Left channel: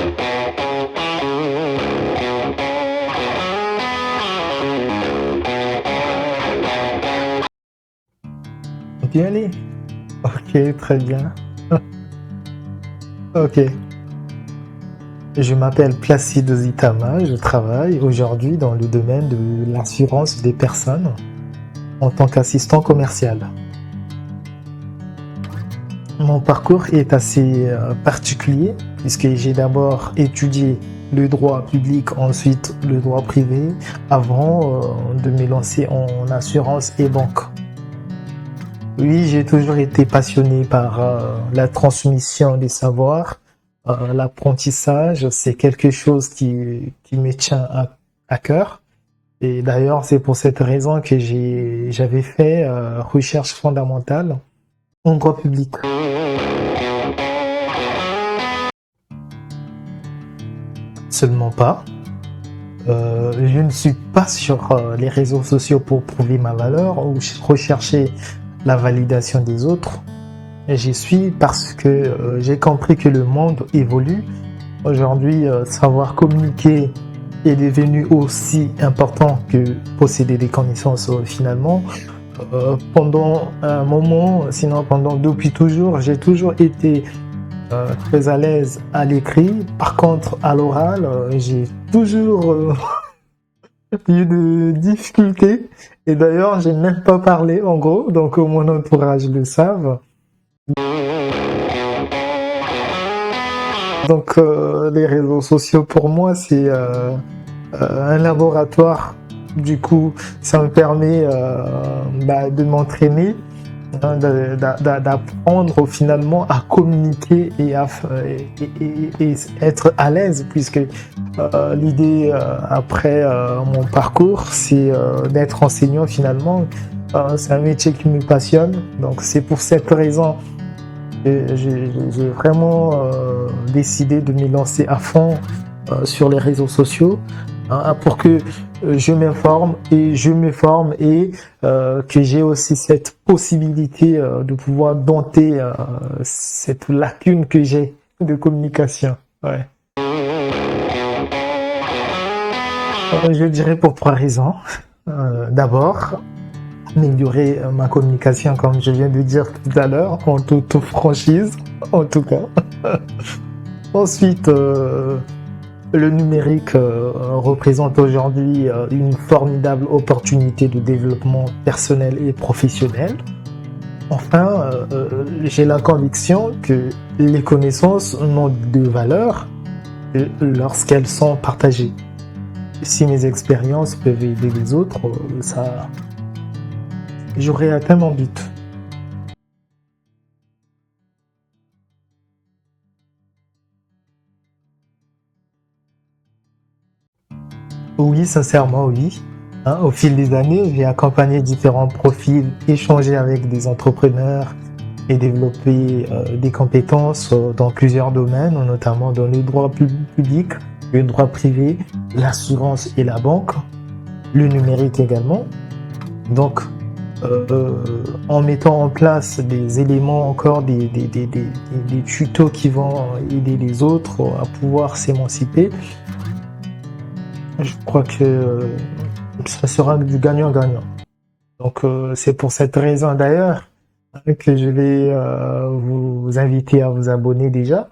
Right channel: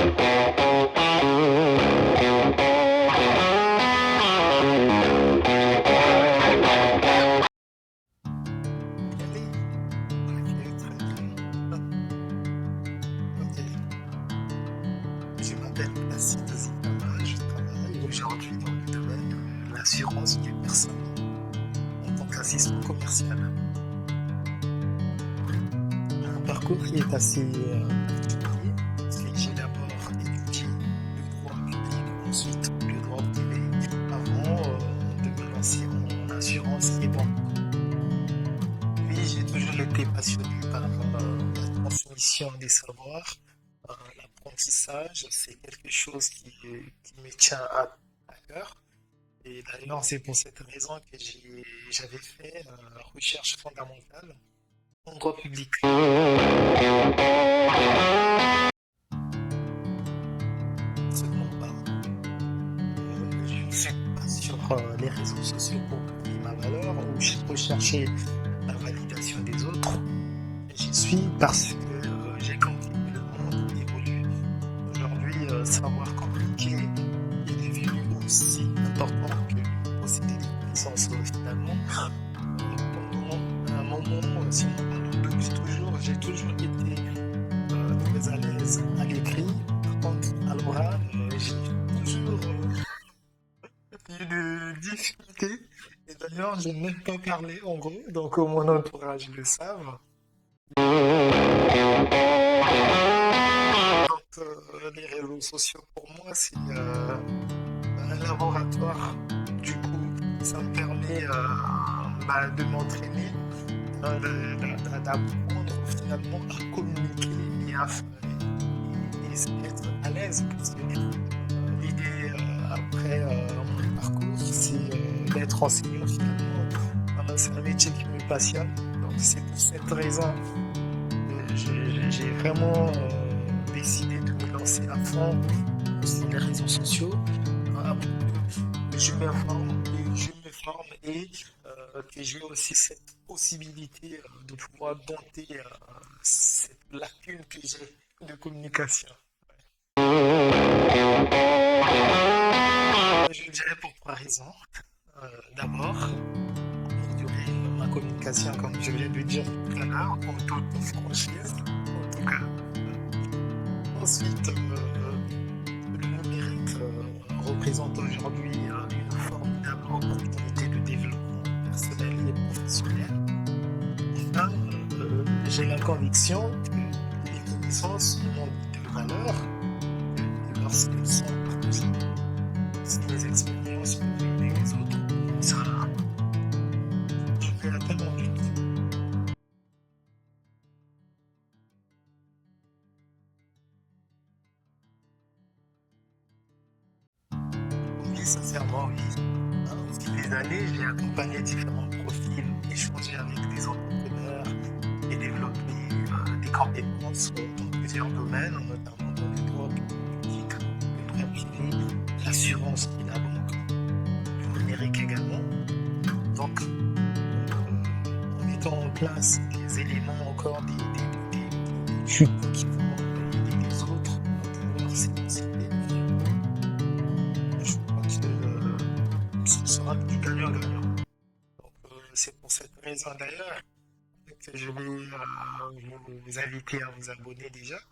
On peut y aller? Ok, très bien. Ok. Je m'appelle Placide Zitama, je travaille aujourd'hui dans le domaine de l'assurance des personnes en tant qu'assistant commercial. Mon parcours est assez particulier puisque j'ai d'abord étudié le droit public, ensuite le droit privé, avant de me lancer en assurance et banque. Oui, j'ai toujours été passionné par la transmission des savoirs, l'apprentissage, c'est quelque chose qui me tient à cœur. Et d'ailleurs, c'est pour cette raison que j'avais fait recherche fondamentale en droit public. Seulement pas. Je ne suis pas sur les réseaux sociaux pour prouver ma valeur ou rechercher la validation des autres. J'y suis parce que j'ai compris que le monde évolue. Aujourd'hui, savoir communiquer est devenu aussi important que posséder des connaissances finalement. Pendant un moment, sinon depuis toujours, j'ai toujours été très à l'aise à l'écrit. Par contre, à l'oral, j'ai toujours eu de difficultés. Et d'ailleurs, je n'aime pas parler en gros, donc mon entourage le savent. Donc les réseaux sociaux pour moi c'est un laboratoire. Du coup, ça me permet de m'entraîner, d'apprendre finalement à communiquer et être à l'aise, puisque l'idée après mon parcours, c'est d'être enseignant finalement. C'est un métier qui me passionne, donc c'est pour cette raison que j'ai vraiment décidé de me lancer à fond sur les réseaux sociaux, pour que je m'informe et je me forme et que j'ai aussi cette possibilité de pouvoir dompter cette lacune que j'ai de communication. Ouais. Je dirais pour 3 raisons. D'abord, améliorer ma communication, comme je viens de dire tout à l'heure, en toute franchise, en tout cas. Ensuite, le numérique représente aujourd'hui une formidable opportunité de développement personnel et professionnel. Enfin, j'ai la conviction que les connaissances n'ont de valeur que lorsqu'elles sont partagées. Si mes expériences peuvent aider les autres, j'aurai atteint mon but. Oui, sincèrement, oui. Au fil des années, j'ai accompagné différents profils, échangé avec des entrepreneurs et développé des compétences dans plusieurs domaines, notamment dans le droit public, le droit privé, l'assurance et la banque, le numérique également. Donc, en mettant en place des éléments, encore des tutos qui vont aider les autres à pouvoir s'émanciper, je crois que ça sera du gagnant-gagnant. Donc c'est pour cette raison d'ailleurs que je vais vous inviter à vous abonner déjà,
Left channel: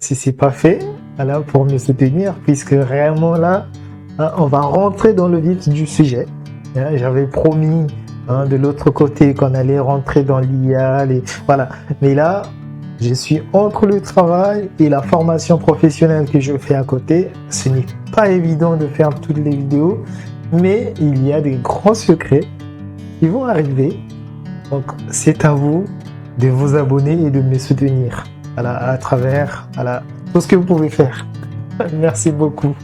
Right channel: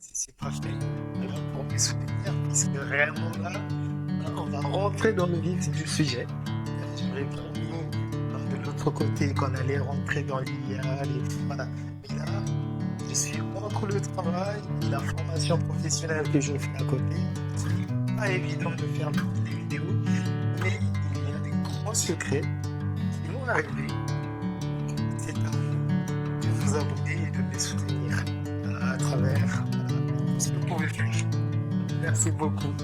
si ce n'est pas fait, voilà, pour me soutenir, puisque réellement là, on va rentrer dans le vif du sujet. J'avais promis de l'autre côté qu'on allait rentrer dans l'IA, voilà. Mais là, je suis entre le travail et la formation professionnelle que je fais à côté. Ce n'est pas évident de faire toutes les vidéos, mais il y a des grands secrets qui vont arriver. Donc, c'est à vous de vous abonner et de me soutenir à travers tout ce que vous pouvez faire. Merci beaucoup.